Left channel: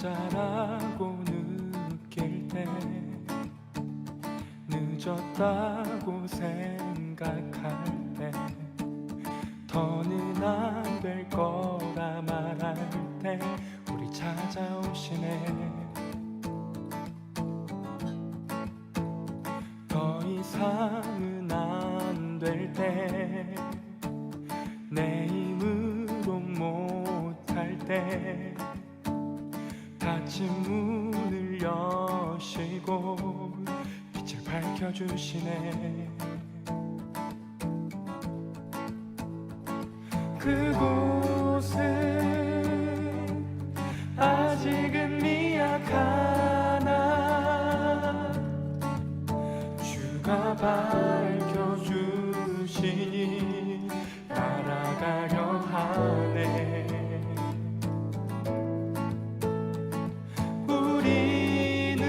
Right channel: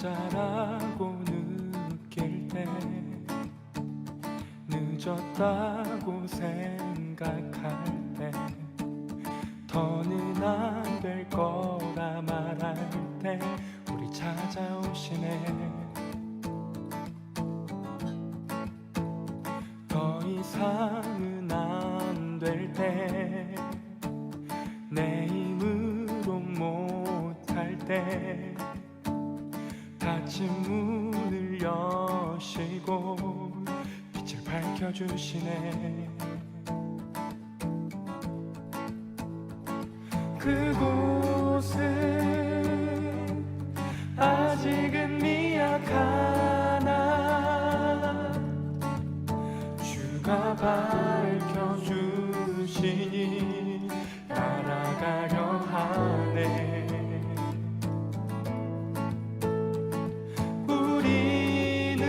혼자라고 느낄 때 늦었다고 생각할 때 더는 안 될 거라 말할 때 우리 찾아오시네. 더 이상은 안 될 때 내 힘으로 못할 때 닫힌 문을 여시고 빛을 밝혀주시네. 그곳은 아직은 미약하나 주가 밝혀주시니 따라가려 하네. 우리는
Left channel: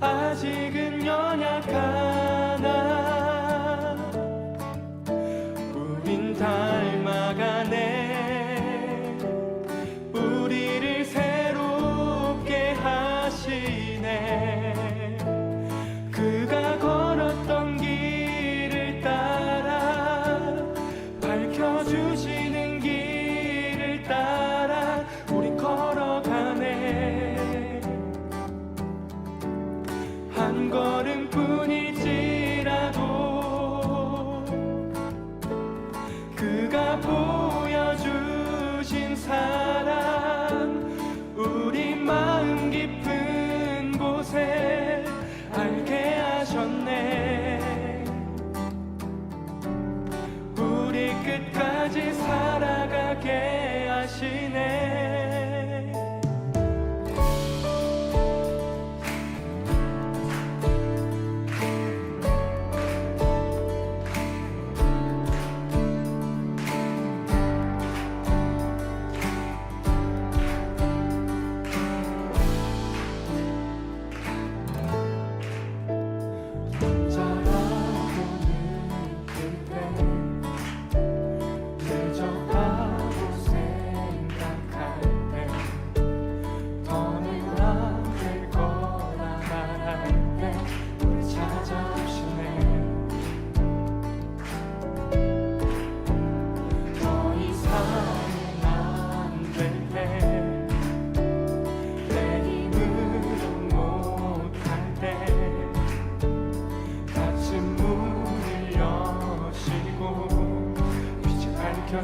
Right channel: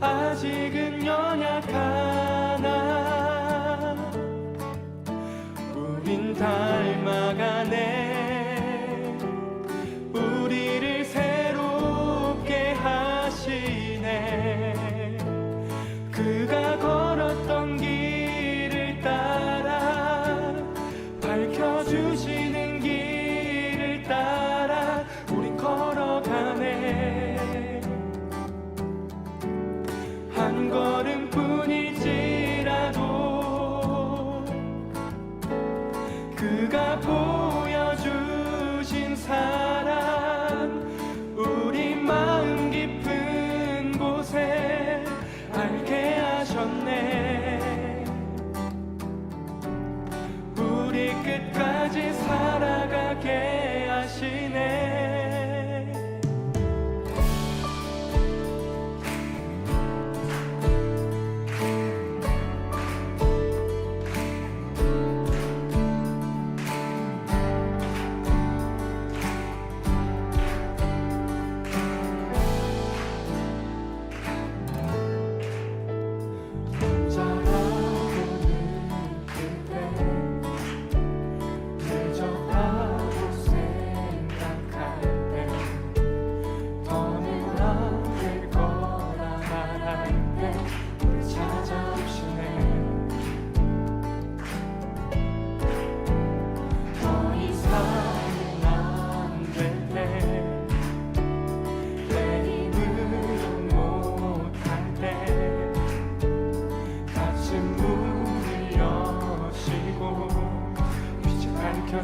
아직은 연약하나 우린 닮아가네. 우리를 새롭게 하시네. 그가 걸었던 길을 따라 밝혀주시는 길을 따라 우린 걸어가네. 한 걸음뿐일지라도 그가 보여주신 사랑 우리 마음 깊은 곳에 알게 하셨네. 우리 끝까지 살아가게 하시네.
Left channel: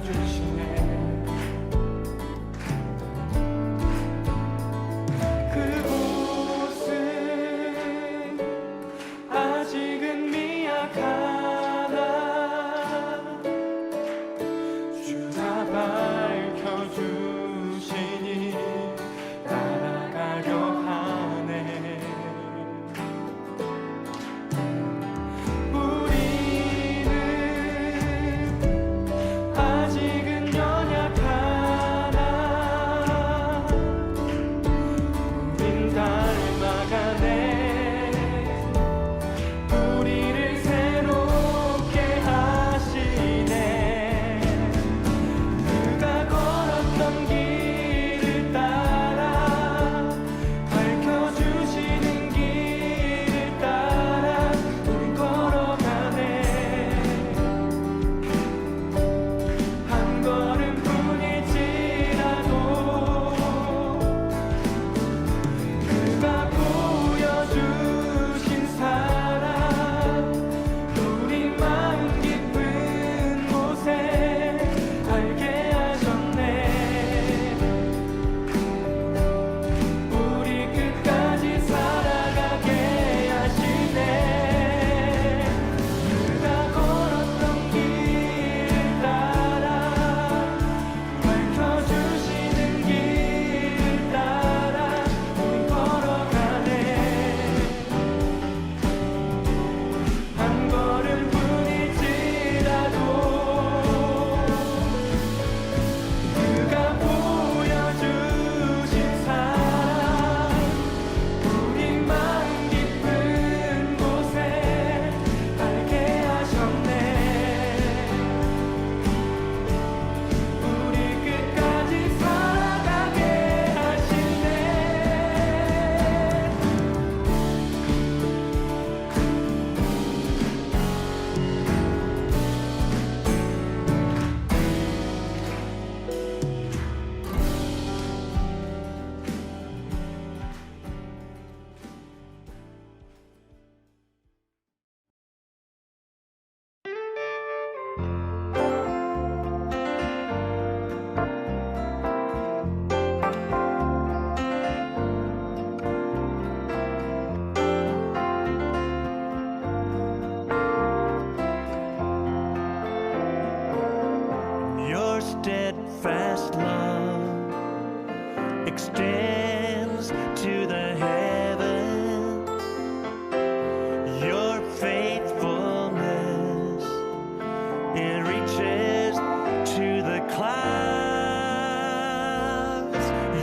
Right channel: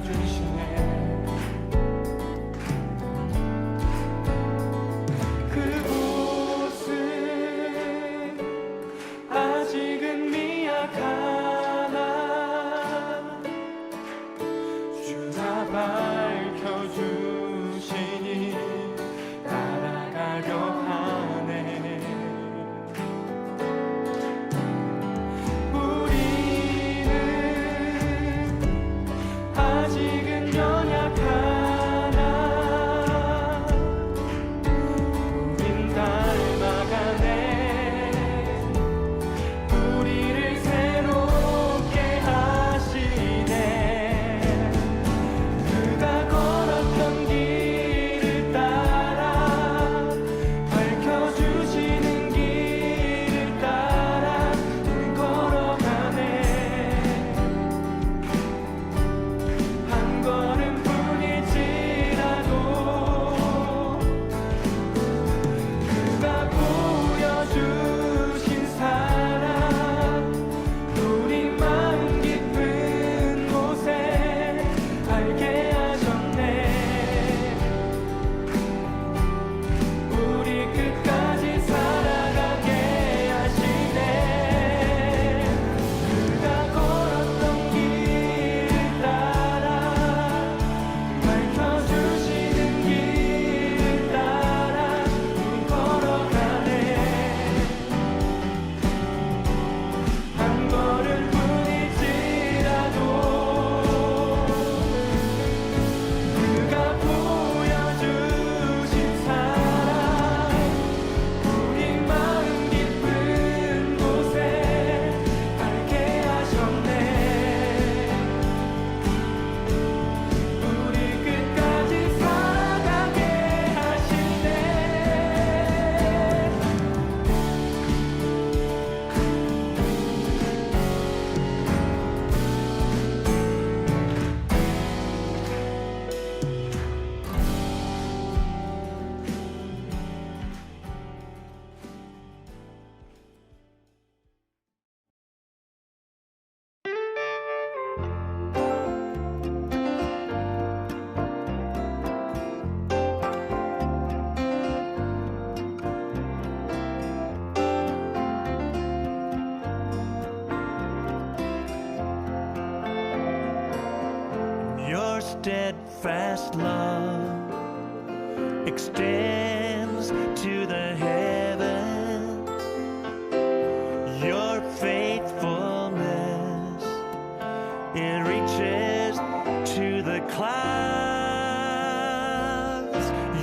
주시네. 그곳은 아직은 미약하나 주가 밝혀주시니 따라가려 하네. 아직은 연약 your steadfast love extends to the heavens. Your faithfulness, it reaches to the clouds.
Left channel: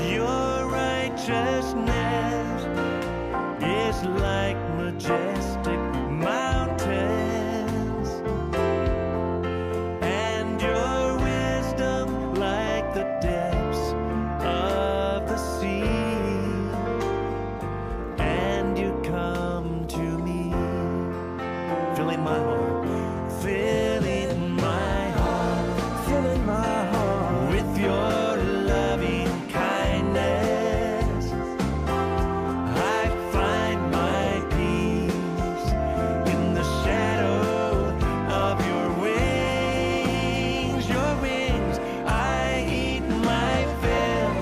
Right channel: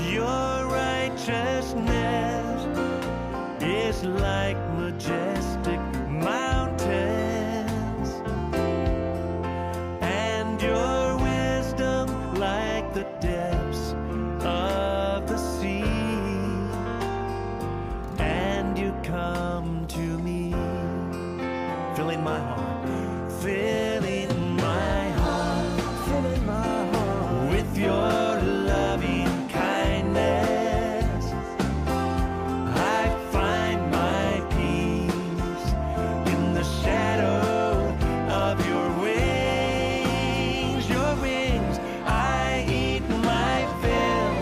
Your righteousness is like majestic mountains, and your wisdom like the depths of the sea. And you come to me, filling my heart, filling my heart, filling my heart with your loving kindness. I find my peace in the shadow of your wings. Your wings, I eat my fill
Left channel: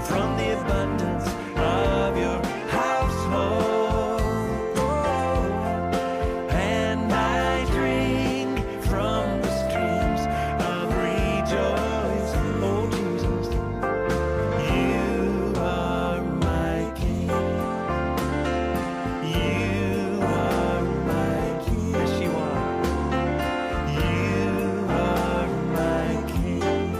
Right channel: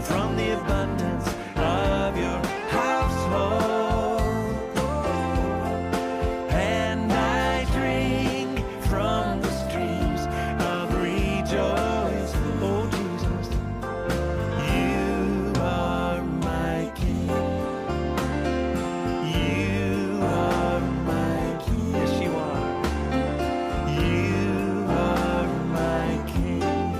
from the abundance of your household, and I drink from the streams of rejoice. Oh Jesus, you are my King. You are my King. Yes, you are. You are my King.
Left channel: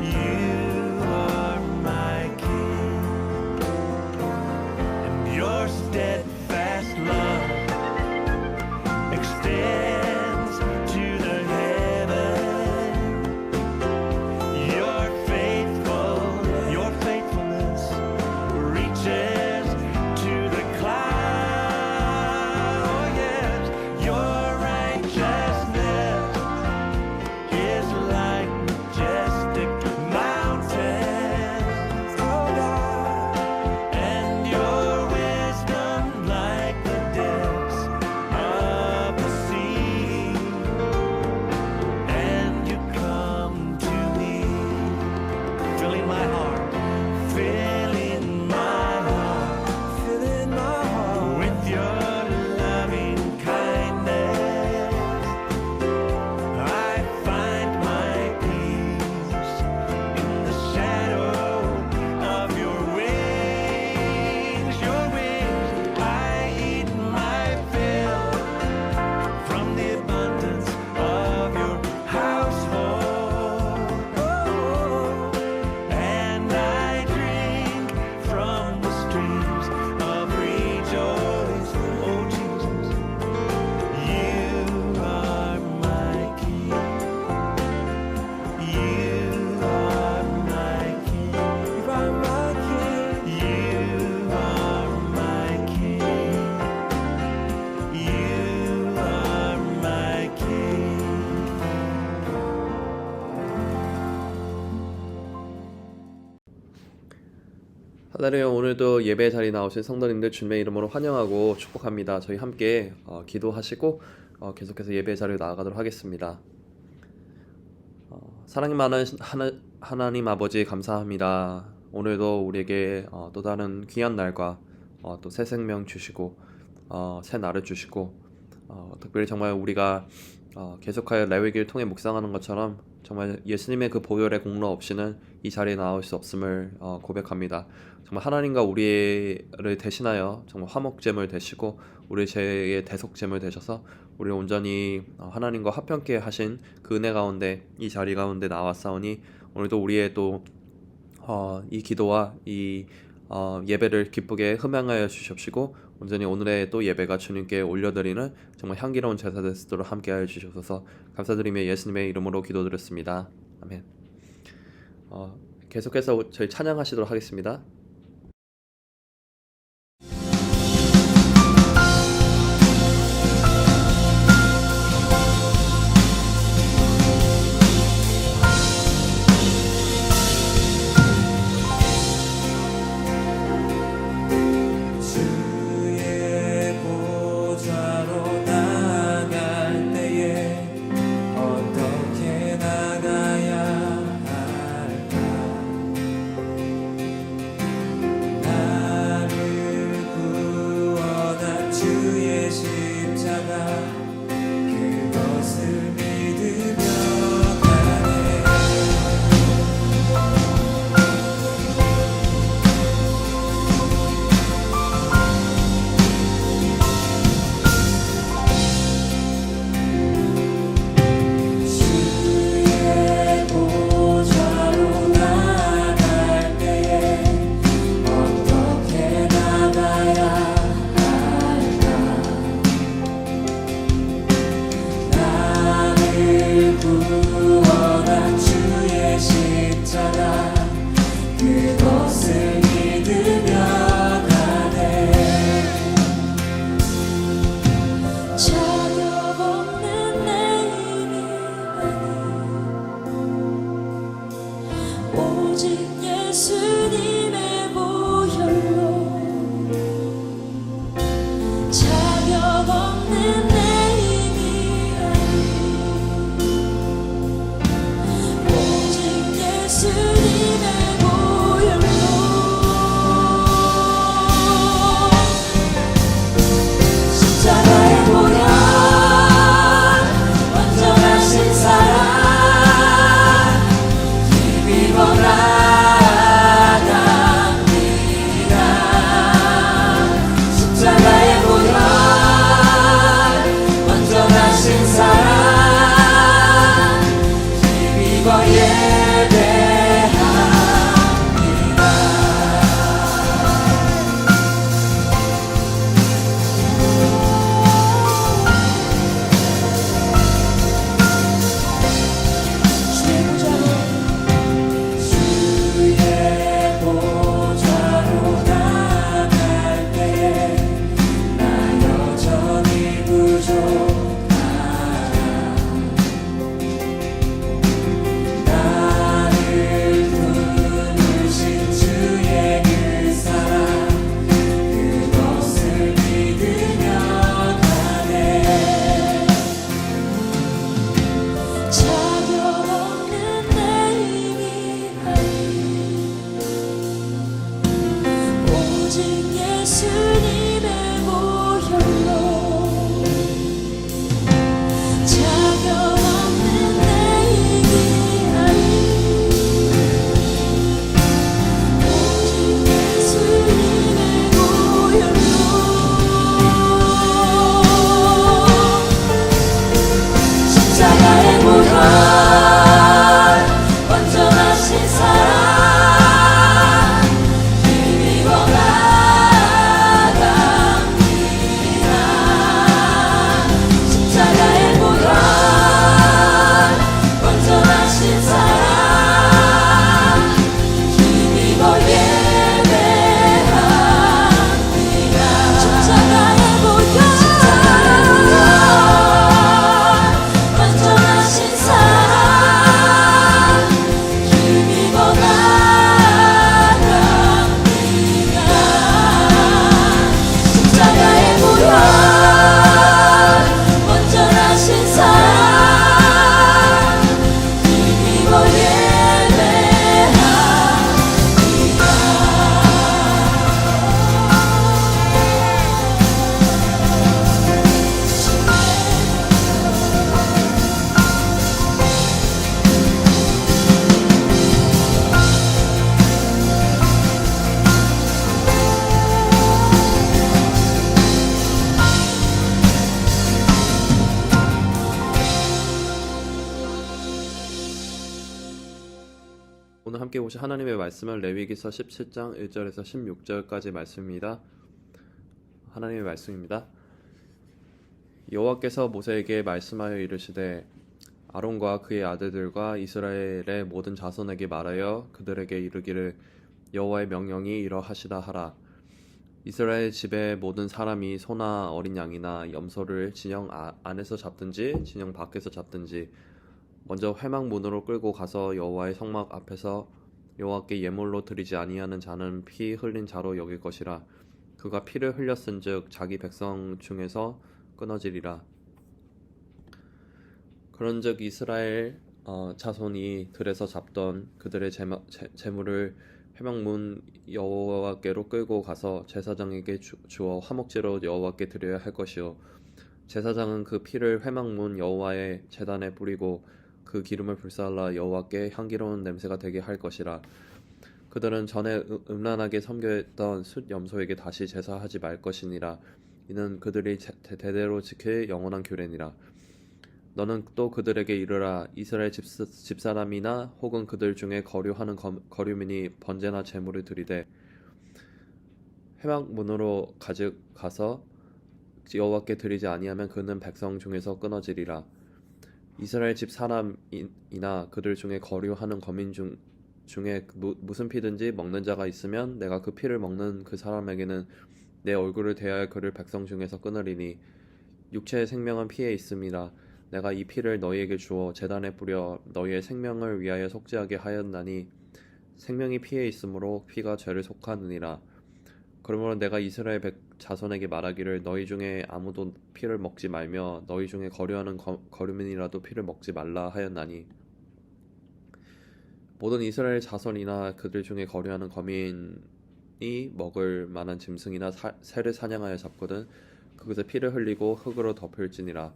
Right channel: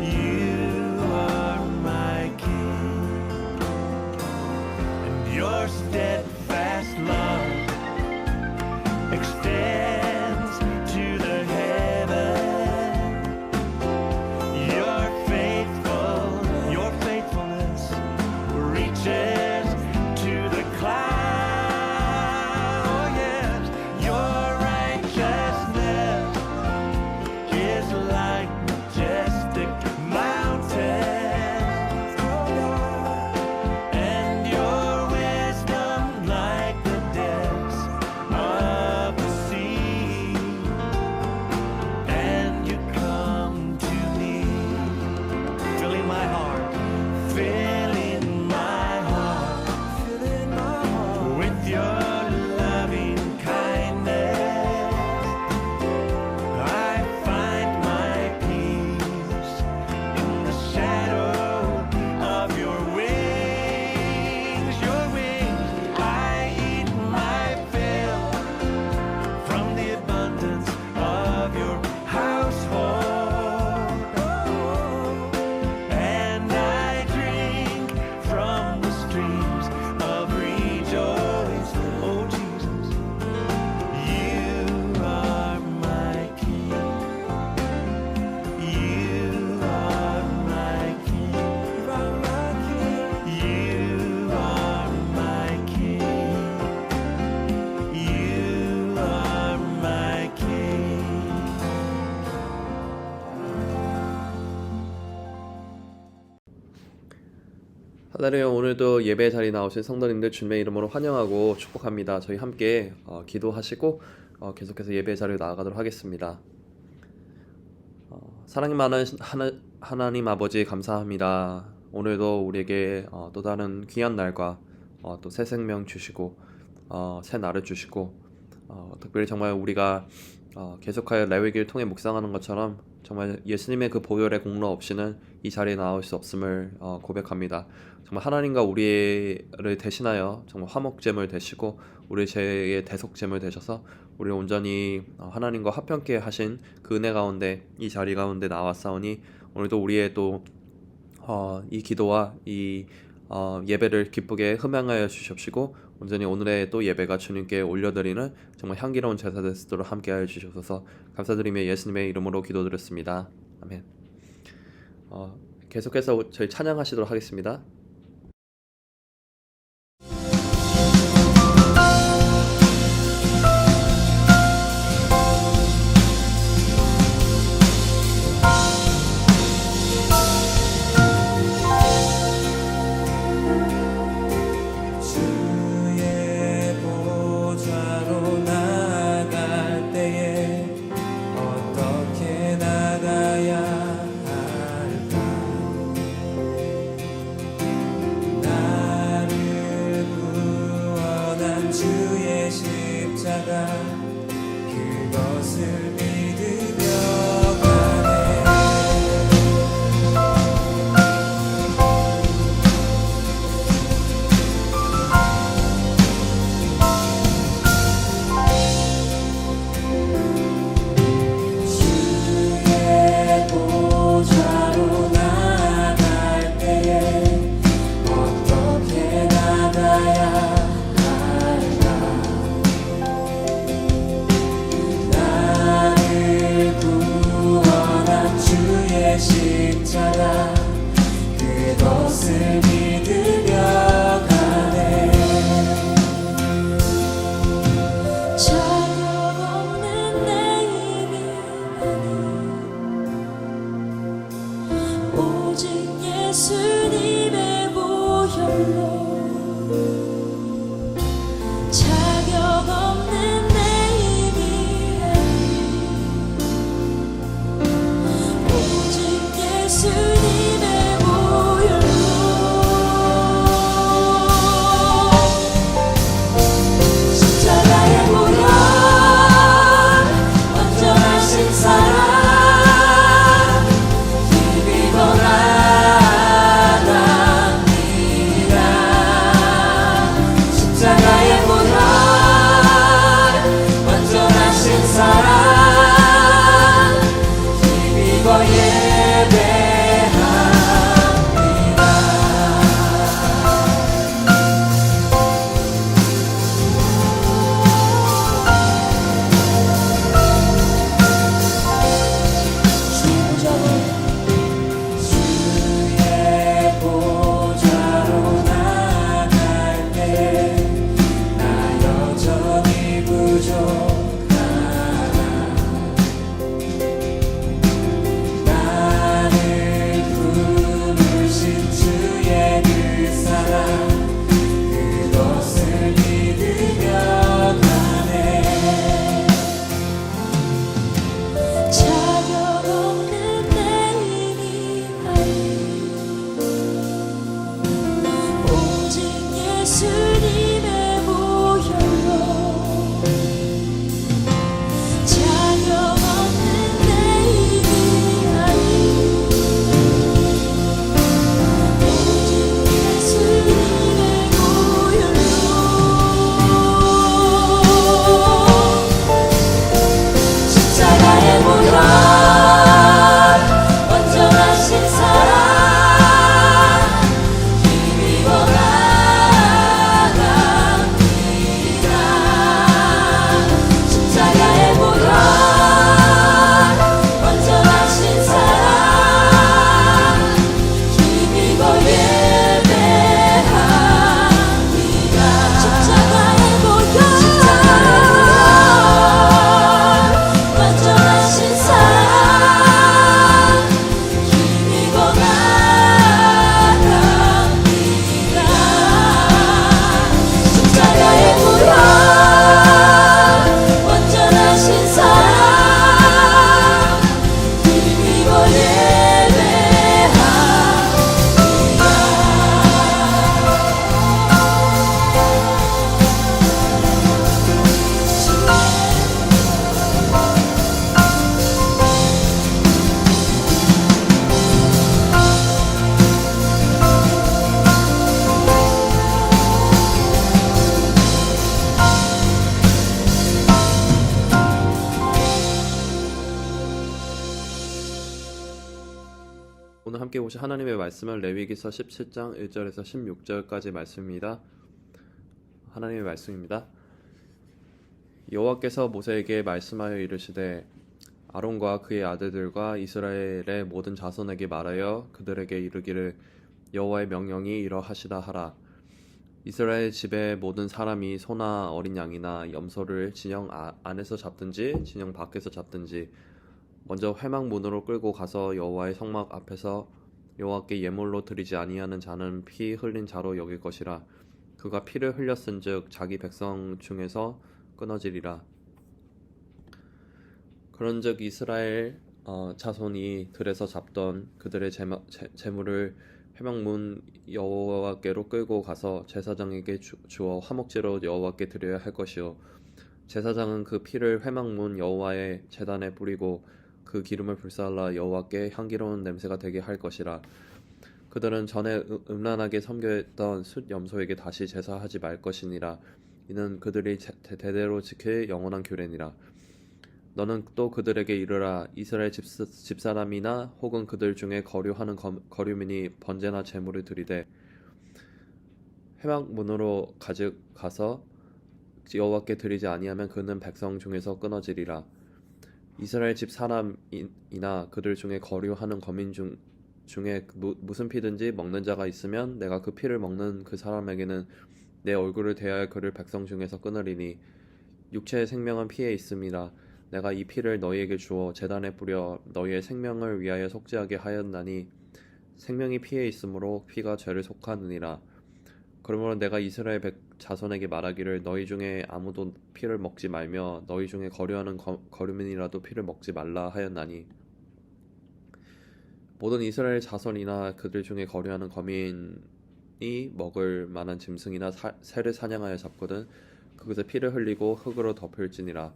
You are my King. And your steadfast love extends to the heaven. Your faithfulness reaches to the clouds. Oh yes, your righteousness is like majestic mountains. Oh God, and your wisdom like the depths of the sea. And you come to me, filling my heart, filling my heart, filling my heart with your loving kindness. I find my peace in the shadow of your wings. Your wings, I eat my fill from the abundance of your household, and I drink from the streams of rejoice. Oh Jesus, you are my King. You are my King. You are my King. You are my King. You are my King. 할렐루야. 오늘도 예배 자리에 나오신 성도님들 주님의 이름으로 환영하고 축복합니다. 저희 함께 기도하시고 계속해서 예배 자리에 나아가도록 하겠습니다. 사랑이 많은 하나님 아버지 감사합니다. 오늘도 우리에게 또 다른 귀한 날과 또 새 생명 주시고 새 날을 주시고 특별히 정말 우리가 계속하여 레위기를 통해 묵상하는 것처럼 정말 예수님의 그 보혈의 공로 없이는 이 자리에 나올 수 없음을 고백합니다. 정말 하나님과 우리를 대신하여 정말 화목제물 되시고 우리 죄의 대속제물 되셔서 우리를 온전히 하나님과 화평케 하신 그 은혜 가운데 이 자리 가운데 나왔사오니 오늘도 우리의 또 이 기도와 이 예배를 기쁘게 흠양하여 주시옵시고 온전히 오늘의 또 예배가 주님께 올려드리는 정말 향기로운 제사 될 수 있도록 함께하여 주셔서 감사드리며 예수님의 이름으로 기도드렸습니다. 아멘. 계속해서 저희 찬양하시도록 하겠습니다. 주의 보좌로 나갈 때에 어떻게 나가야 할까? 자가 그것을 믿으며 가네. 자격 없는 내 힘이 아닌 오직 예수님의 보혈로 자격 없는 내 힘이 아닌 오직 예수님의 보혈로 십자가의 보혈 완전하신 사랑 힘입어 나갑니다. 십자가의 보혈 완전하신 사랑 힘입어 예배합니다. 주의 보좌로 주의 보좌로 나갈 때에 나 여전히 부족하다. 나를 품으신 주의 그 사랑 그것을 믿으며 가네. 자격 없는 내 힘이 아닌 오직 예수님의 보혈로 자격 없는 내 힘이 아닌 오직 예수님의 보혈로 십자가의 보혈 완전하신 사랑 힘입어 나갑니다. 십자가의 보혈 완전하신 사랑 힘입어 예배합니다. 십자가의 보혈 완전하신 사랑 힘입어 나갑니다. 십자가의 보혈 완전하신 사랑 힘입어 오늘 함께 보실 하나님의 말씀은 레위기서 17장 1절에서 16절까지 말씀입니다. 하나님의 말씀입니다. 여호와께서 모세에게 말씀하여 이르시되 아론과 그의 아들들과 이스라엘의 모든 자손에게 말하여 그들에게 이르기를 여호와의 명령이 이러하시다 하라. 이스라엘 집의 모든 사람이 소나 어린 양이나 염소를 진영 안에서 잡든지 진영 밖에서 잡든지 먼저 회막문으로 끌고 가서 여호와의 성막 앞에서 여호와께 예물로 드리지 아니하는 자는 피 흘린 자로 여길 것이라. 그가 피를 흘렸은즉 자기 백성 중에서 끊어지리라. 그런즉 이스라엘 자손이 들에서 잡던 그들의 제물을 회막문 여호와께로 끌고 가서 제사장에게 주어 화목제로 여호와께 드려야 할 것이요 제사장은 그 피를 회막문 여호와의 제단에 뿌리고 그 기름을 불살라 여호와께 향기로운 냄새가 되게 할 것이라. 그들은 전에 음란하게 섬겼던 숫 염소에게 다시 제사하지 말 것이니라. 이는 그들이 대대로 지킬 영원한 규례니라. 너는 또 그들에게 이르라. 이스라엘 집사람이나 혹은 그들 중에 거류하는 거류민이 번제나 제물을 드리되 회막문으로 가져가서 여호와께 드리지 아니하면 그는 백성 중에서 끊어지리라. 이스라엘 집 사람이나 그들 중에 거류하는 거민 중 중에 무슨 피든지 먹는 자가 있으면 내가 그 피를 먹는 그 사람에게는 내 얼굴을 대하여 그를 백성 중에서 끊으리니 육체의 생명은 피에 있음이라 내가 이 피를 너희에게 주어 제단에 뿌려 너희의 생명을 위하여 속죄하게 하였나니 생명이 피에 있으므로 피가 죄를 속하느니라. 그러므로 내가 이스라엘 자손에게 말하기를 너희 중에 아무도 피를 먹지 말며 너희 중에 거류하는 거류민이라도 피를 먹지 말라 하였나니 모든 이스라엘 자손이나 그들 중에 거류하는 거민이 먹을 만한 짐승이나 새를 사냥하여 잡거든 그것에 피를 흘리고 흙으로 덮을지니라.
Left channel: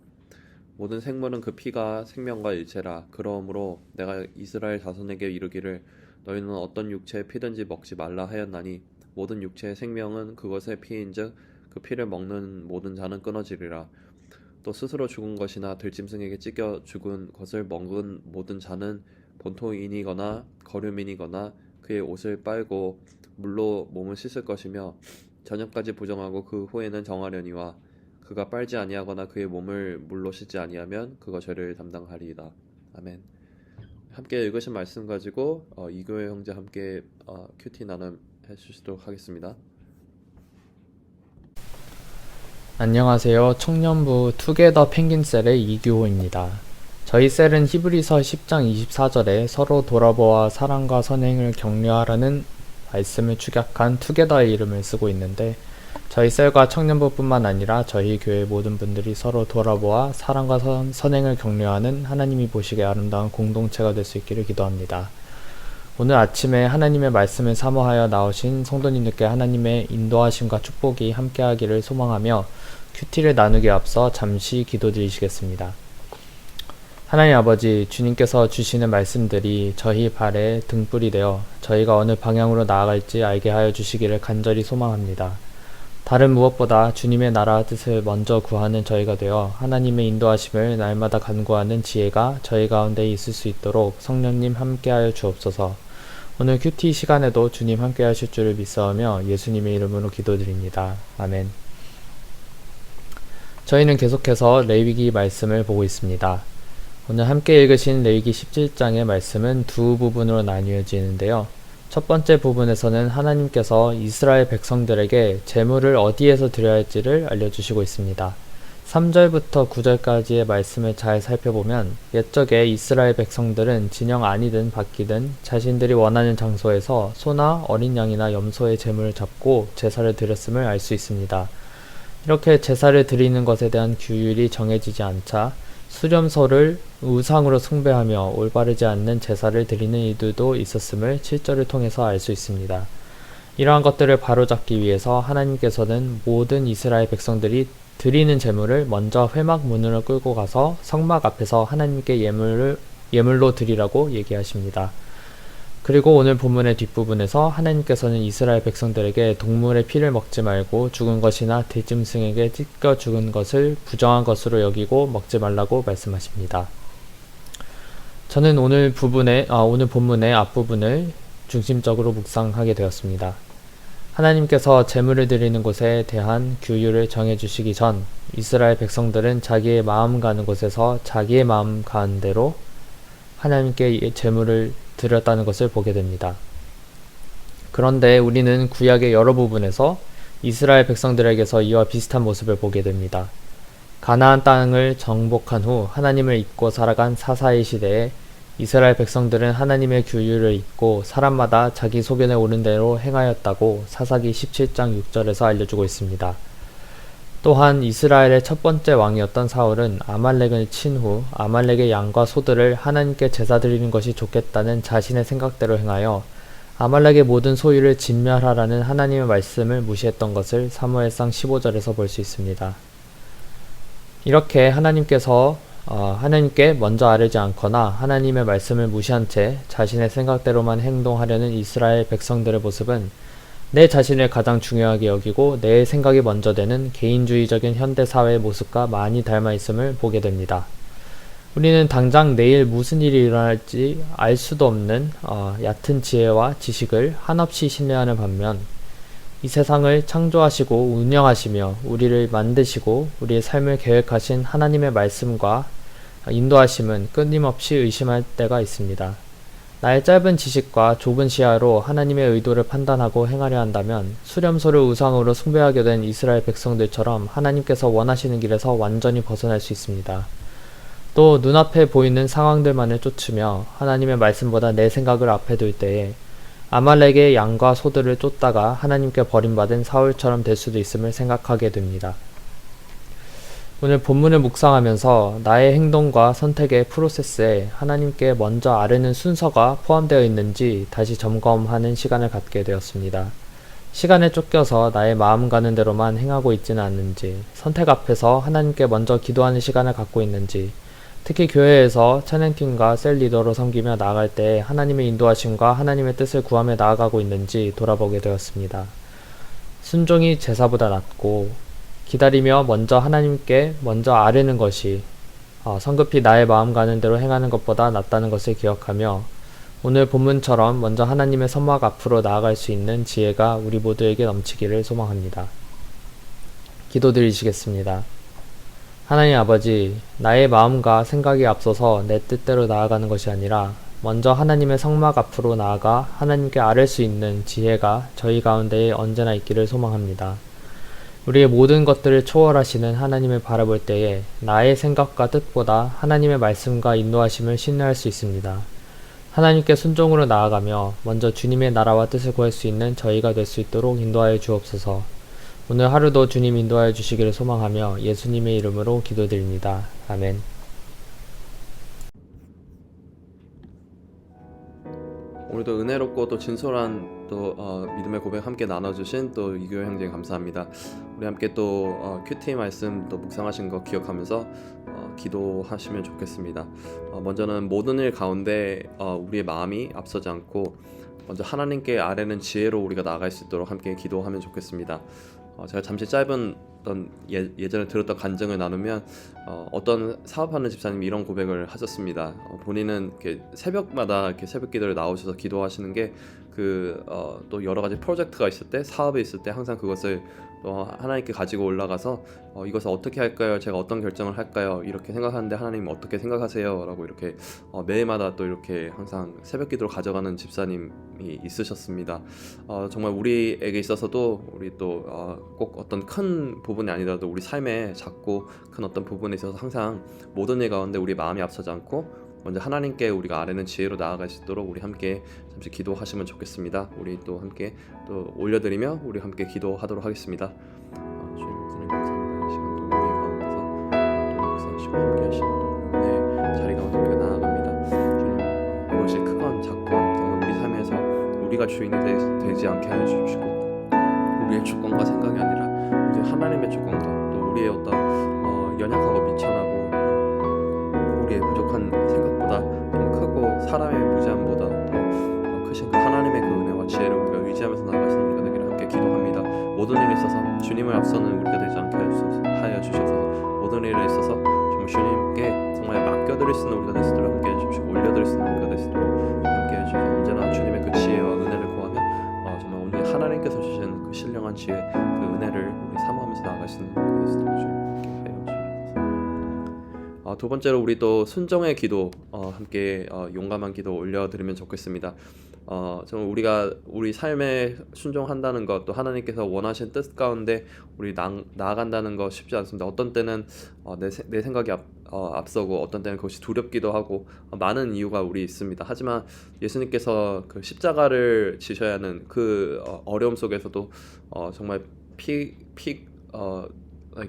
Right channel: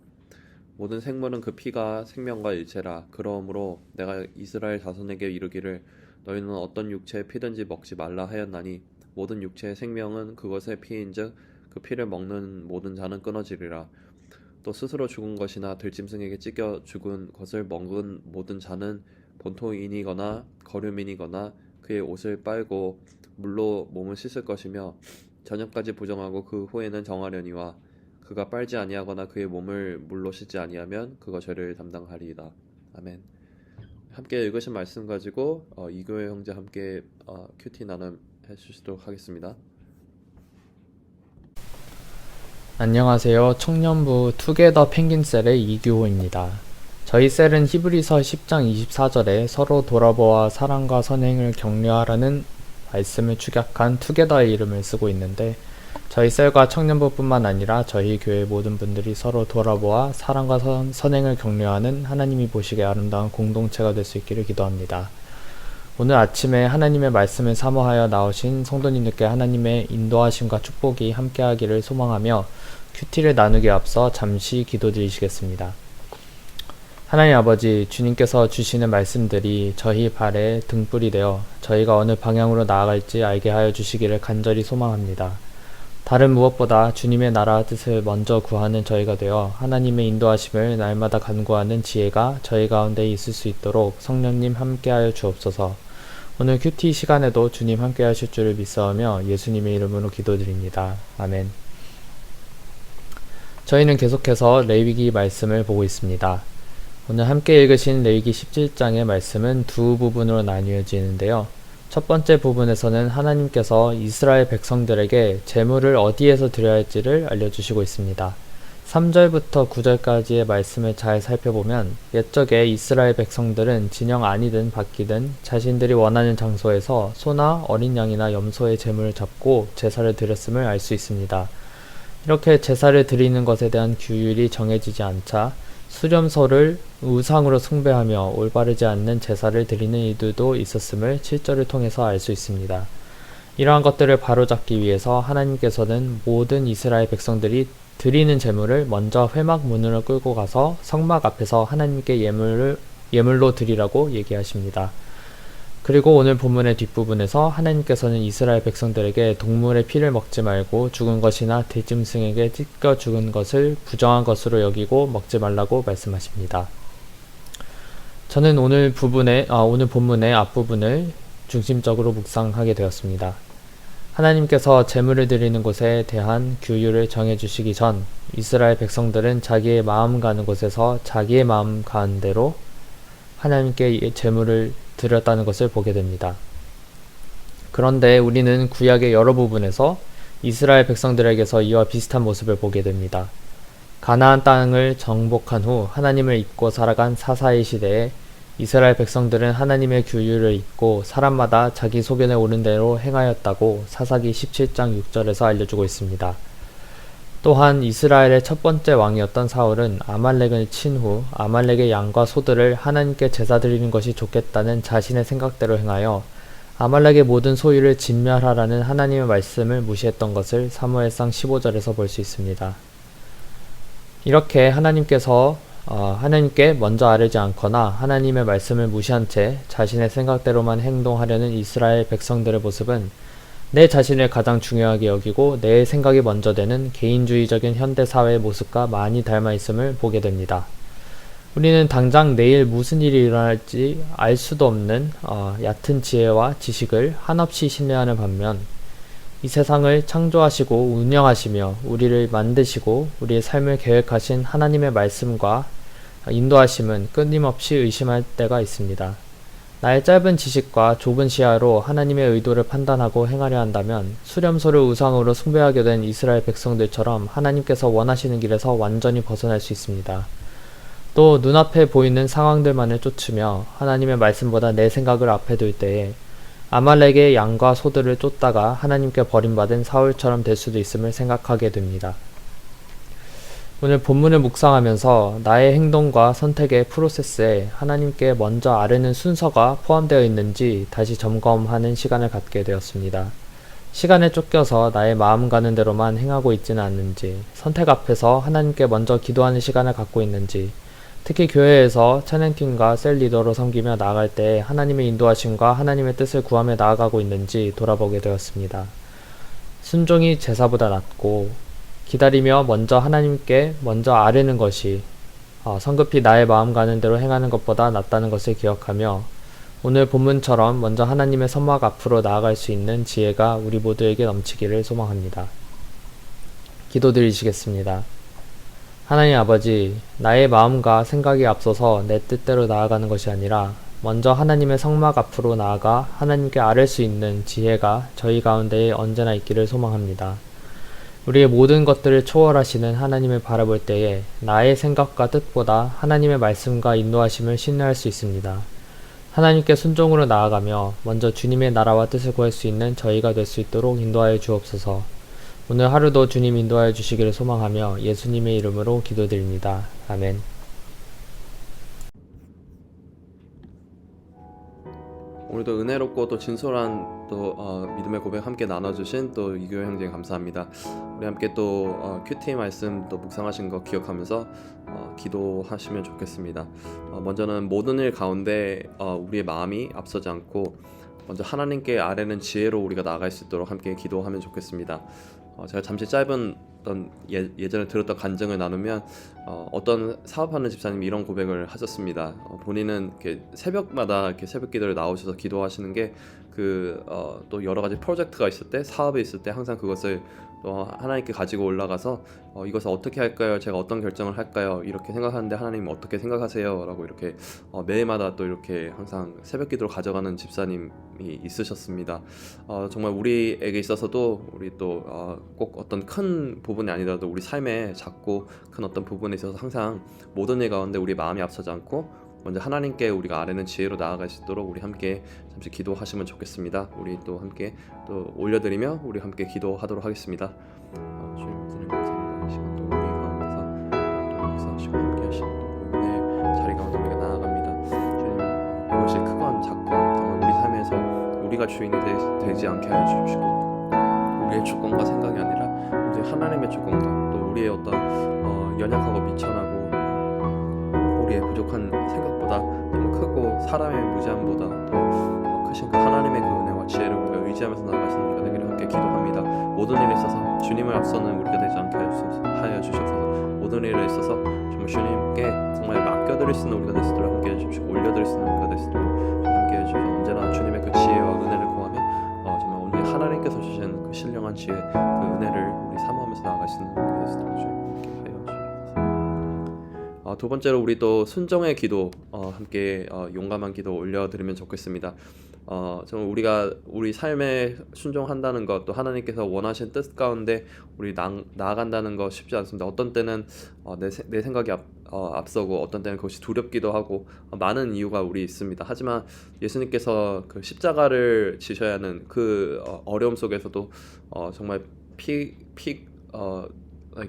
모든 생물은 그 피가 생명과 일체라. 그러므로 내가 이스라엘 자손에게 이르기를 너희는 어떤 육체의 피든지 먹지 말라 하였나니 모든 육체의 생명은 그것의 피인즉 그 피를 먹는 모든 자는 끊어지리라. 또 스스로 죽은 것이나 들짐승에게 찢겨 죽은 것을 먹은 모든 자는 본토인이거나 거류민이거나 그의 옷을 빨고 물로 몸을 씻을 것이며 저녁까지 부정하고 그 후에는 정하려니와 그가 빨지 아니하거나 그의 몸을 물로 씻지 아니하면 그가 죄를 담당하리이다. 아멘. 함께 읽으신 말씀 가지고 이교회 형제 함께 큐티 나눔 해주시도록 하겠습니다. 안녕하세요. 청년부 투게더 펭귄셀의 이규호입니다. 저희 셀은 히브리서 10장 24절에 서로 돌아보아 사랑과 선행을 격려하라는 말씀을 축약한 투게더의 이름을 쓰고 있는데 저희 셀과 청년부뿐만 아니라 저희 교회 모든 분들이 서로 돌아보아 사랑과 선행을 격려하는 하나님이 보시기에 아름다운 공동체가 될 수 있기를 기도합니다. 오늘 아침에 하나님의 말씀을 사모하여 나오신 성도님들께 하나님의 인도하심과 축복이 함께하기를 소망하며 큐티를 나누기에 앞서 잠시 기도드리시겠습니다. 하나님 아버지, 주님께서 주시는 말씀들이 저희 발에 등불이 되어 저희가 어느 방향으로 나아갈지 알게 하여 주시기를 간절히 소망합니다. 다른 무엇보다 주님의 나라 뜻을 먼저 구하는 저희가 되어 하나님의 인도하심을 날마다 간구하는 지혜가 저희 가운데 있을 수 있도록 성령님 함께하여 주옵소서. 오늘 큐티 시간에도 주님 함께하실 줄을 믿사오며 예수님의 이름으로 기도드립니다. 아멘. 저희는 계속해서 레위기 말씀을 보고 있습니다. 오늘 함께 읽으신 레위기 17장의 말씀은 두 부분으로 나뉘어지는데요. 첫 번째 부분에서는 하나님께서 이스라엘 백성들에게 제물을 어디에서 드려야 할지를 알려주시고 있습니다. 3절부터 9절까지의 말씀을 잘 살펴보면 옛적에 이스라엘 백성들은 진영 안이든 밖이든 자신들이 원하는 장소에서 소나 어린 양이나 염소의 제물을 잡고 제사를 드렸음을 알 수 있습니다. 이렇게 제사를 드리는 것에 대한 규율이 정해지지 않자 수렴소를 우상으로 숭배하며 올바르지 않는 제사를 드리는 이들도 있었음을 7절을 통해서 알 수 있습니다. 이러한 것들을 바로잡기 위해서 하나님께서는 모든 이스라엘 백성들이 드리는 제물을 먼저 회막 문으로 끌고 가서 성막 앞에서 하나님께 예물로 드리라고 얘기하십니다. 그리고 오늘 본문의 뒷부분에서 하나님께서는 이스라엘 백성들에게 동물의 피를 먹지 말고 죽은 것이나 들짐승에게 찢겨 죽은 것을 부정한 것으로 여기고 먹지 말라고 말씀하십니다. 저는 오늘 본문의 앞부분을 중심적으로 묵상하게 되었습니다. 하나님께서 제물을 드리는 것에 대한 규율을 정해주시기 전 이스라엘 백성들은 자기의 마음 가는 곳에서 자기의 마음 가는 대로 하나님께 제물을 드렸다는 것을 보게 됩니다. 그런데 우리는 구약의 여러 부분에서 이스라엘 백성들에게서 이와 비슷한 모습을 보게 됩니다. 가나안 땅을 정복한 후 하나님을 잊고 살아간 사사의 시대에 이스라엘 백성들은 하나님의 규율을 잊고 사람마다 자기 소견에 오른 대로 행하였다고 사사기 17장 6절에서 알려주고 있습니다. 또한 이스라엘의 첫 번째 왕이었던 사울은 아말렉을 친 후 아말렉의 양과 소들을 하나님께 제사 드리는 것이 좋겠다는 자신의 생각대로 행하여 아말렉의 모든 소유를 진멸하라는 하나님의 말씀을 무시했던 것을 사무엘상 15절에서 볼 수 있습니다. 이렇게 하나님께 먼저 아뢰지 않거나 하나님의 말씀을 무시한 채 자신의 생각대로만 행동하려는 이스라엘 백성들의 모습은 내 자신을 가장 중요하게 여기고 내 생각이 먼저 되는 개인주의적인 현대사회의 모습과 많이 닮아 있음을 보게 됩니다. 우리는 당장 내일 무슨 일이 일어날지 알 수도 없는 얕은 지혜와 지식을 한없이 신뢰하는 반면 이 세상을 창조하시고 운영하시며 우리를 만드시고 우리의 삶을 계획하신 하나님의 말씀과 인도하심은 끊임없이 의심할 때가 있습니다. 나의 짧은 지식과 좁은 시야로 하나님의 의도를 판단하고 행하려 한다면 수렴소를 우상으로 숭배하게 된 이스라엘 백성들처럼 하나님께서 원하시는 길에서 완전히 벗어날 수 있습니다. 또 눈앞에 보이는 상황들만을 쫓으며 하나님의 말씀보다 내 생각을 앞에 둘 때에 아말렉의 양과 소들을 쫓다가 하나님께 버림받은 사울처럼 될 수도 있음을 생각하게 됩니다. 오늘 본문을 묵상하면서 나의 행동과 선택의 프로세스에 하나님께 먼저 아뢰는 순서가 포함되어 있는지 다시 점검하는 시간을 갖게 되었습니다. 시간에 쫓겨서 나의 마음 가는 대로만 행하고 있지는 않는지, 선택 앞에서 하나님께 먼저 기도하는 시간을 갖고 있는지, 특히 교회에서 찬양팀과 셀 리더로 섬기며 나아갈 때 하나님의 인도하심과 하나님의 뜻을 구하며 나아가고 있는지 돌아보게 되었습니다. 순종이 제사보다 낫고 기다리며 먼저 하나님께 먼저 아뢰는 것이 성급히 나의 마음 가는 대로 행하는 것보다 낫다는 것을 기억하며 오늘 본문처럼 먼저 하나님의 선막 앞으로 나아갈 수 있는 지혜가 우리 모두에게 넘치기를 소망합니다. 기도드리시겠습니다. 하나님 아버지, 나의 마음과 생각이 앞서서 내 뜻대로 나아가는 것이 아니라 먼저 하나님의 성막 앞으로 나아가 하나님께 아뢰 수 있는 지혜가 저희 가운데에 언제나 있기를 소망합니다. 우리의 모든 것들을 초월하시는 하나님을 바라볼 때에 나의 생각과 뜻보다 하나님의 말씀과 인도하심을 신뢰할 수 있습니다. 하나님께 순종으로 나아가며 먼저 주님의 나라와 뜻을 구할 수 있는 저희가 될 수 있도록 인도하여 주옵소서. 오늘 하루도 주님 인도하여 주시기를 소망하며 예수님의 이름으로 기도드립니다. 아멘. 오늘도 은혜롭고 또 진솔한 또 믿음의 고백 함께 나눠주신 또 이교회 형제님 감사합니다. 우리 함께 또 큐티 말씀 또 묵상하신 거 기억하면서 기도하시면 좋겠습니다. 먼저는 모든 일 가운데 우리의 마음이 앞서지 않고 먼저 하나님께 아뢰는 지혜로 우리가 나아갈 수 있도록 함께 기도하면 좋겠습니다. 제가 잠시 짧은 어떤 예전에 들었던 간증을 나누면 어떤 사업하는 집사님이 이런 고백을 하셨습니다. 본인은 이렇게 새벽마다 이렇게 새벽 기도를 나오셔서 기도하시는 게 또 여러 가지 프로젝트가 있을 때, 사업이 있을 때 항상 그것을 하나님께 가지고 올라가서 이것을 어떻게 할까요? 제가 어떤 결정을 할까요? 이렇게 생각하는데 하나님 어떻게 생각하세요? 라고 이렇게 매일마다 또 이렇게 항상 새벽 기도를 가져가는 집사님이 있으셨습니다. 정말 우리에게 있어서도 우리 또 꼭 어떤 큰 부분이 아니더라도 우리 삶의 작고 큰 어떤 부분에 있어서 항상 모든 일 가운데 우리 마음이 앞서지 않고 먼저 하나님께 우리가 아뢰는 지혜로 나아갈 수 있도록 우리 함께 잠시 기도하시면 좋겠습니다. 우리 또 함께 또 올려드리며 우리 함께 기도하도록 하겠습니다. 주님 감사합니다. 이 시간 또 우리 가운데서 또 역사하시고 함께 하시는 또 은혜의 자리 가운데 우리가 나아갑니다. 주님 그것이 크건 작건 정말 우리 삶에서 우리가 주인이 되지 않게 하여 주시고 우리의 주권과 생각이 아니라 우리 하나님의 주권과 또 우리의 어떤 연약하고 미천하고 우리의 부족한 생각보다 너무 크고 사람의 무지함보다 더 크신 그 하나님의 그 은혜와 지혜를 우리가 의지하면서 나아가시는 우리가 되기를 함께 기도합니다. 모든 일에 있어서 주님을 앞서는 우리가 되지 않게 하여 주시옵소서. 모든 일에 있어서 정말 주님께 정말 맡겨드릴 수 있는 우리가 될 수 있도록 함께 해주시고 올려드릴 수 있는 우리가 될 수 있도록 함께 해주셔서 언제나 주님의 그 지혜와 은혜를 구하며 정말 오늘 하나님께서 주신 그 신령한 지혜 그 은혜를 우리 사모하면서 나아갈 수 있는 우리가 될 수 있도록 주님 함께 하여 주옵소서. 두 번째로 우리 또 순종의 기도 함께 용감한 기도 올려드리면 좋겠습니다. 정말 우리가 우리 삶에 순종한다는 것 또 하나님께서 원하신 뜻 가운데 우리 나아간다는 것 쉽지 않습니다. 어떤 때는 내 생각이 앞서고 어떤 때는 그것이 두렵기도 하고 많은 이유가 우리 있습니다. 하지만 예수님께서 그 십자가를 지셔야 하는 그 어려움 속에서도 정말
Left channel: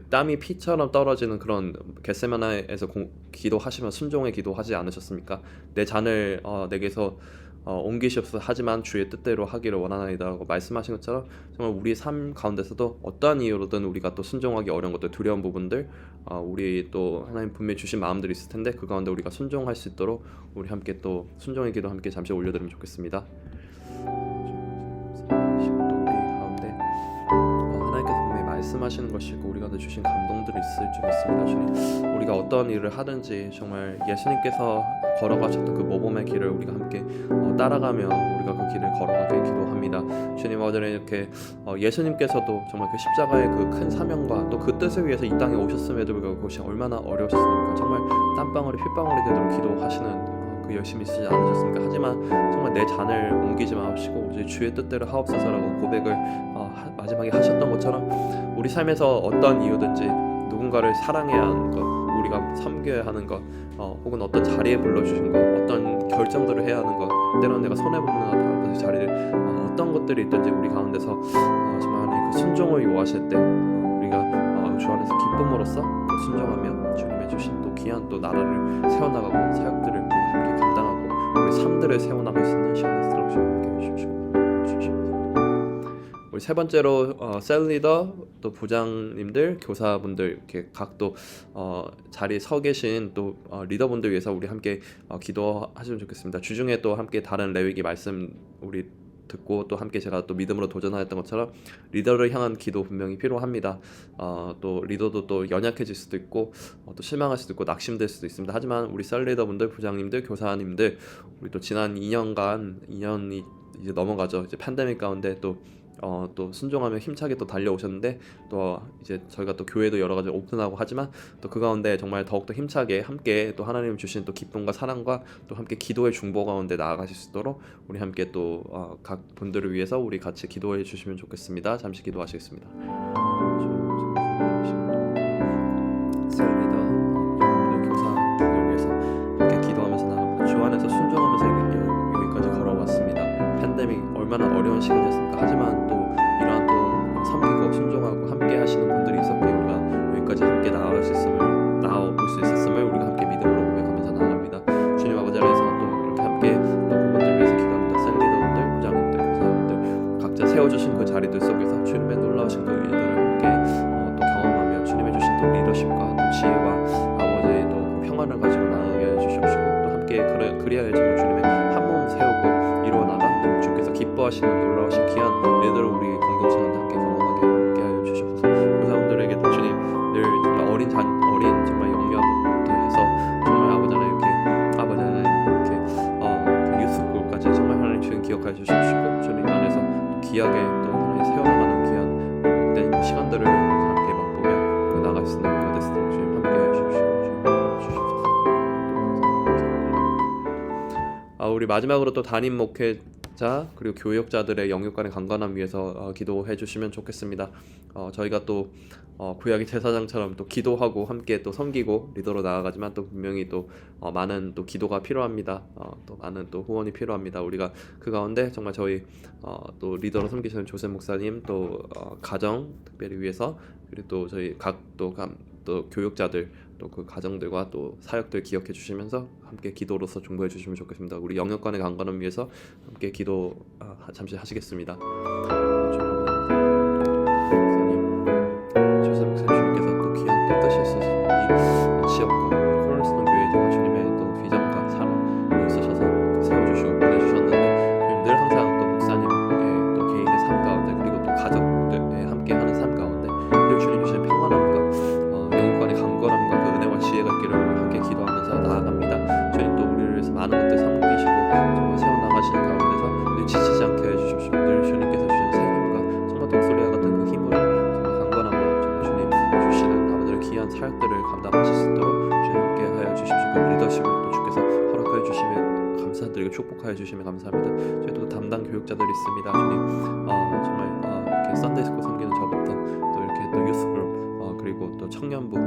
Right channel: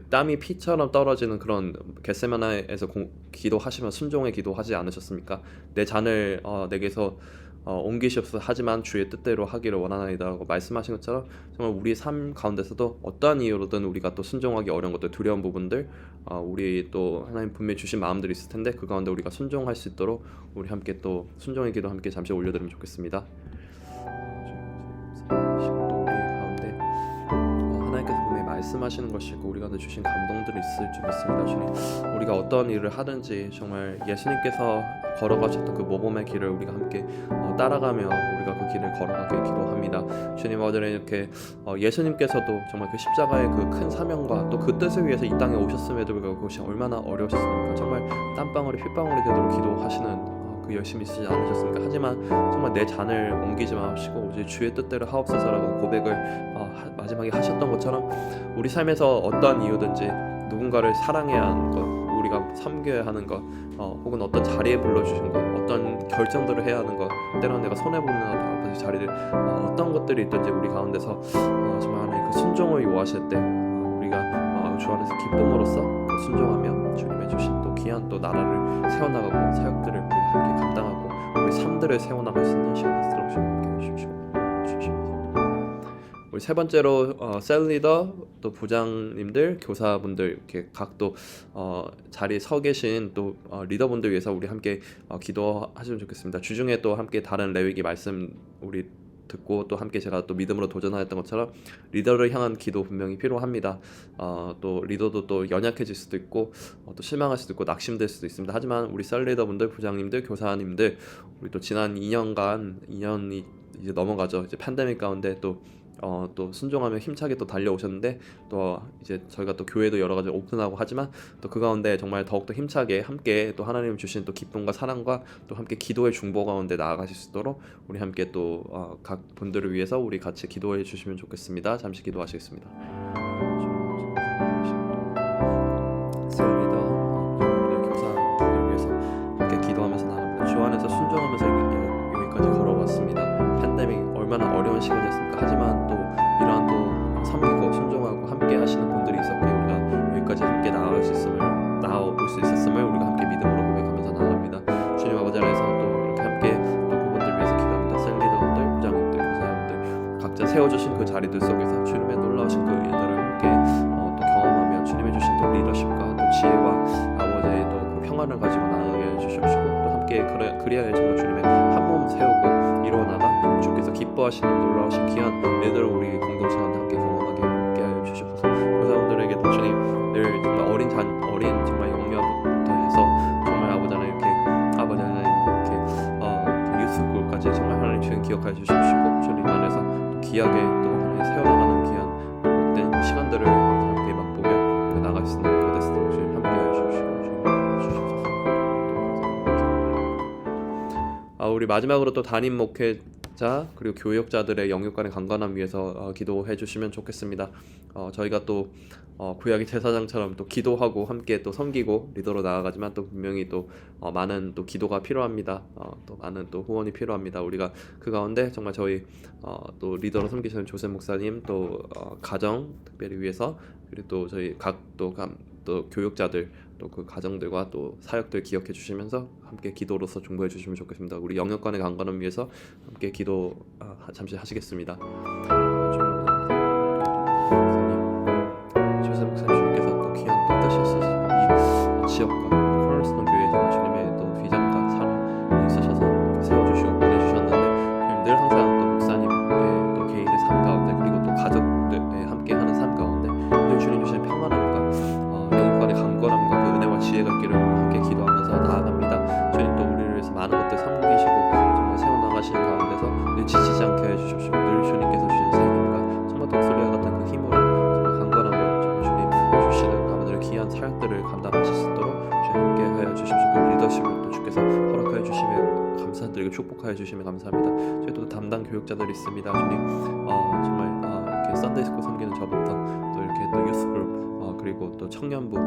땀이 피처럼 떨어지는 그런 겟세마네에서 기도하시면 순종의 기도하지 않으셨습니까? 내 잔을 내게서 옮기시옵소서. 하지만 주의 뜻대로 하기를 원하나이다라고 말씀하신 것처럼 정말 우리 삶 가운데서도 어떠한 이유로든 우리가 또 순종하기 어려운 것들, 두려운 부분들, 우리 또 하나님 분명히 주신 마음들이 있을 텐데 그 가운데 우리가 순종할 수 있도록 우리 함께 또 순종의 기도 함께 잠시 올려드리면 좋겠습니다. 또 우리 가운데 하나님께서 분명히 말씀하시는 것이고 우리가 주신 감동들이 있을 줄 믿습니다. 주님, 우리가 어떤 일을 하든지 정말 예수님께서 걸어가셨던 그 모범의 길을 우리가 함께 따라가며 우리가 그 길을 걸어가게 기도합니다. 주님, 어제는 이렇게 예수님께서도 정말 그 십자가의 그 큰 사명과 또 그 뜻을 위해서 이 땅에 오셨음에도 불구하고 그것이 얼마나 어려우셨습니까? 정말 땀방울이 핏방울이 되도록 기도하시는 그 열심히 쓰지 않으셨습니까? 하지만 정말 내 잔을 옮기지 마시고 오직 주의 뜻대로 하옵소서라고 고백을 마지막에 하셨던 것처럼 우리 삶에서 어떤 이유든지 누군가를 사랑해야 하는 것, 우리가 섬겨야 하는 것, 혹은 어떤 자리에 불러주신 것, 어떤 결정들을 해야 하는 것, 때로는 내가 손해보는 그 자리를 어떤 것들이 있든지 우리 가운데서 정말 하나님 그 순종을 요하실 때 우리가 주 안에서 기쁨으로써 그 순종하며 주님의 주신 또 귀한 또 나라를 세워나가고 사역들을 우리가 함께 감당하고 우리 삶들을 세워나갈 수 있는 시간을 쓰도록 함께 해주시고 우리 세 번째로 셀 리더 또 부장님들 교사분들 이렇게 각 또 자리에 서 계신 또 리더분들 위해서 우리 함께 기도하시면 좋겠습니다. 주중에 또 함께 다른 레위기 말씀 우리 듣고 또 함께 제가 또 믿음으로 도전하였던 것처럼 리더를 향한 기도 분명히 필요합니다. 또 리더도 또 연약해질 수도 있고 또 실망할 수도 있고 낙심될 수도 있습니다. 하지만 우리 셀 리더분들, 부장님들, 교사님들 우리 또 지난 2년이 이제 넘어가죠. 이제 팬데믹 가운데 또 순종하며 힘차게 또 달려오셨는데 또 이제 저희가 또 교회도 여러 가지 오픈하고 하지만 또 그 가운데 정말 더욱더 힘차게 함께 또 하나님 주신 또 기쁨과 사랑과 또 함께 기도의 중보 가운데 나아가실 수 있도록 우리 함께 또 각 분들을 위해서 우리 같이 기도해 주시면 좋겠습니다. 잠시 기도하시겠습니다. 셀 리더, 부장님들, 교사들 위해서 함께 기도하면서 나갑니다. 주 안에서 순종하면서 여기까지 걸어왔습니다. 팬데믹 얼마나 어려운 시간이었습니까? 하지만 또 이러한 또 섬기고 순종하고 함께 하시는 분들이 있었기에 우리가 여기까지 함께 나올 수 있었음을 우리가 함께 믿음으로 고백하면서 나아갑니다. 주님 아버지 안에서 또 이렇게 함께 또 그분들 위해서 기도합니다. 셀 리더분들, 부장님들, 교사분들 각자 세워주신 그 자리들 속에서 주님의 놀라우신 그 일들을 함께 또 경험하며 주님의 주신 또 리더십과 또 지혜와 아버지의 또 그 평안을 가지고 나아가게 해주시옵시고 또 함께 그리하여 정말 주님의 한 몸 세우고 이루어나가 주께서 기뻐하시는 놀라우신 귀한 일들을 우리 공동체 가운데 함께 경험하게 함께하여 주시옵소서. 교사분들에게도 주님 늘 정말 어린 정말 영유아부터 해서 정말 아버지 하나님 이렇게 유스골까지 정말 하나님 주님 기억하여 주시옵시고 주님 안에서 또 귀하게 또 하나님 세워나가는 귀한 복된 그 시간들을 함께 맛보며 나갈 수 있는 교대 스토록 주님 함께하여 주시고 주님 주시옵소서. 우리 마지막으로 또 담임 목회자 그리고 교역자들의 영육간의 강건함 위해서 기도해 주시면 좋겠습니다. 저희가 또 구약의 제사장처럼 또 기도하고 함께 또 섬기고 리더로 나아가지만 또 분명히 또 많은 또 기도가 필요합니다. 또 많은 또 후원이 필요합니다. 우리가 그 가운데 정말 저희 또 리더로 섬기시는 조셉 목사님 또 가정 특별히 위해서 그리고 또 저희 각 또 교육자들 또 그 가정들과 또 사역들 기억해 주시면서 함께 기도로서 중보해 주시면 좋겠습니다. 우리 영역간의 강건함 위해서 함께 기도 잠시 하시겠습니다. 주님, 조셉 목사님께서 또 귀한 또 뜻이 있으신 이 지역과 코널스톤 교회 정말 주님의 또 비전과 사랑이 있으셔서 세워주시고 보내주셨는데 주님 늘 항상 또 목사님의 또 개인의 삶 가운데 그리고 또 가족들의 함께하는 삶 가운데 늘 주님 주신 평안함과 영육간의 강건함과 그 은혜와 지혜가 있기를 함께 기도하면서 나아갑니다. 주님 또 우리를 위해서 많은 것들 섬기시고 정말 세워나가시는 가운데서 늘 지치지 않게 해주십시오. 늘 주님께서 주신 새 힘과 정말 독수리와 같은 그 힘으로 정말 강건함으로 정말 주님 주시는 아버지의 귀한 사역들을 감당하실 수 있도록 주님 함께 하여 주십시오. 그 리더십을 또 주께서 허락하여 주시면 감사드리고 축복하여 주시면 감사합니다. 저희도 담당 교육자들이 있습니다. 주님 정말 이렇게 썬데이스쿨 섬기는 저부터 또 이렇게 또 유스그룹 그리고 또 청년부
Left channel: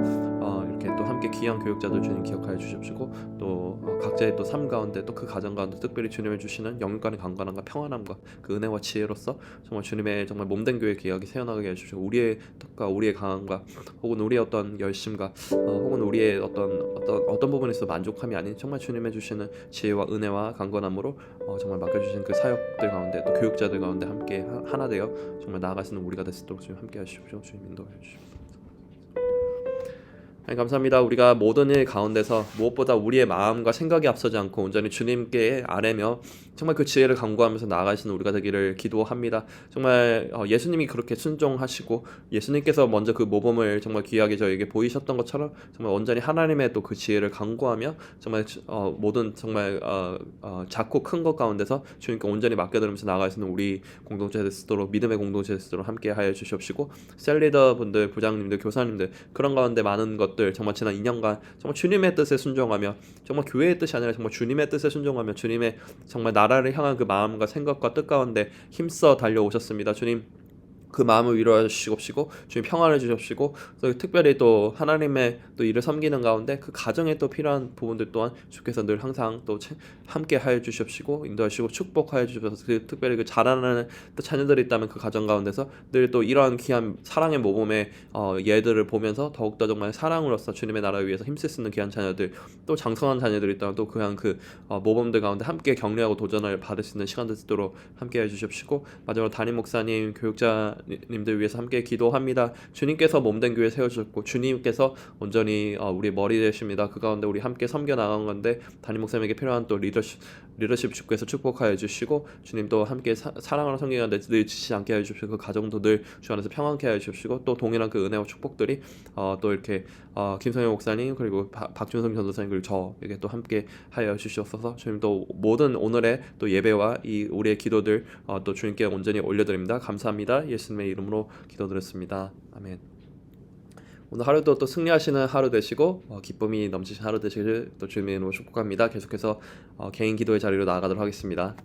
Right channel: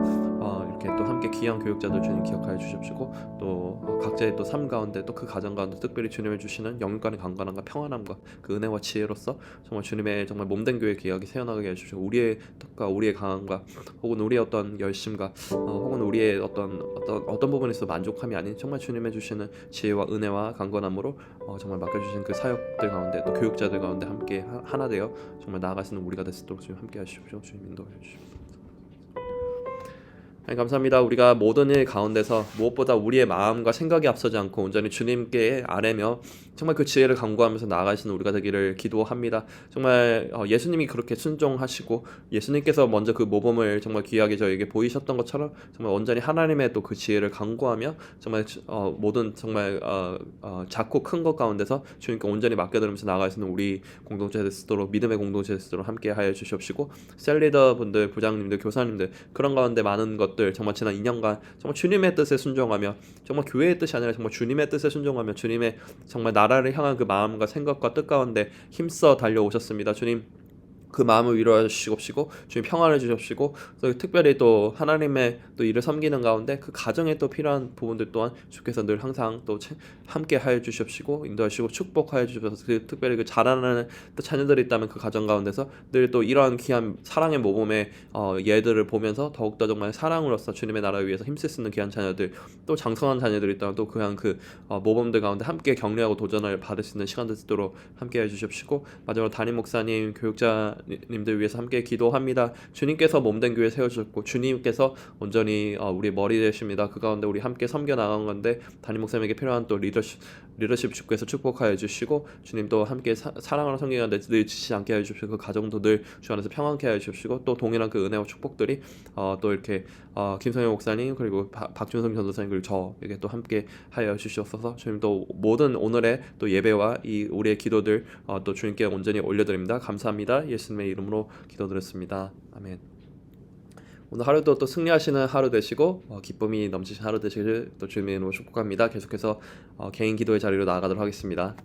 이렇게 또 함께 귀한 교육자들 주님 기억하여 주십시고 또 각자의 또 삶 가운데 또 그 가정 가운데 특별히 주님을 주시는 영육간의 강건함과 평안함과 그 은혜와 지혜로서 정말 주님의 정말 몸된 교회 기억이 세워나가게 해주시고 우리의 뜻과 우리의 강함과 혹은 우리의 어떤 열심과 혹은 우리의 어떤 부분에서 만족함이 아닌 정말 주님의 주시는 지혜와 은혜와 강건함으로 정말 맡겨주신 그 사역들 가운데 또 교육자들 가운데 함께 하나 되어 정말 나아갈 수 있는 우리가 될 수 있도록 주님 함께 하십시오. 주님 인도해 주십시오. 감사합니다. 우리가 모든 일 가운데서 무엇보다 우리의 마음과 생각이 앞서지 않고 온전히 주님께 아뢰며 정말 그 지혜를 간구하면서 나아가시는 우리가 되기를 기도합니다. 정말 예수님이 그렇게 순종하시고 예수님께서 먼저 그 모범을 정말 귀하게 저에게 보이셨던 것처럼 정말 온전히 하나님의 또 그 지혜를 간구하며 정말 모든 정말 작고 큰 것 가운데서 주님께 온전히 맡겨드리면서 나아갈 수 있는 우리 공동체 될 수 있도록 믿음의 공동체 될 수 있도록 함께 하여 주시옵시고 셀리더 분들, 부장님들, 교사님들 그런 가운데 많은 것 것들 정말 지난 2년간 정말 주님의 뜻에 순종하며 정말 교회의 뜻이 아니라 정말 주님의 뜻에 순종하며 주님의 정말 나라를 향한 그 마음과 생각과 뜻 가운데 힘써 달려오셨습니다. 주님 그 마음을 위로해 주시옵시고 주님 평안을 주시옵시고 또 특별히 또 하나님의 또 일을 섬기는 가운데 그 가정에 또 필요한 부분들 또한 주께서 늘 항상 또 함께 하여 주시옵시고 인도하시고 축복하여 주셔서 그 특별히 그 자라나는 또 자녀들이 있다면 그 가정 가운데서 늘 또 이러한 귀한 사랑의 모범의 예들을 보면서 더욱더 정말 사랑으로서 주님의 나라를 위해서 힘쓸 수 있는 귀한 자녀들 또 장성한 자녀들이 있다면 또 그냥 그 모범들 가운데 함께 격려하고 도전을 받을 수 있는 시간들 있도록 함께 해주십시고 마지막으로 담임 목사님 교육자님들 위해서 함께 기도합니다. 주님께서 몸된 교회 세워주셨고 주님께서 온전히 우리 머리 되십니다. 그 가운데 우리 함께 섬겨 나간 건데 담임 목사님에게 필요한 또 리더십 주께서 축복하여 주시고 주님도 함께 사랑하는 성경인데 늘 지치지 않게 해주시고 그 가정도 늘 주 안에서 평안케 해주시고 또 동일한 그 은혜와 축복들이 또 이렇게 김성현 목사님 그리고 박준성 전도사님 그리고 저에게 또 함께 하여 주시옵소서. 주님도 모든 오늘의 또 예배와 이 우리의 기도들 또 주님께 온전히 올려드립니다. 감사합니다. 예수님의 이름으로 기도드렸습니다. 아멘. 오늘 하루도 또 승리하시는 하루 되시고 기쁨이 넘치신 하루 되시길 또 주님의 이름으로 축복합니다. 계속해서 개인 기도의 자리로 나아가도록 하겠습니다.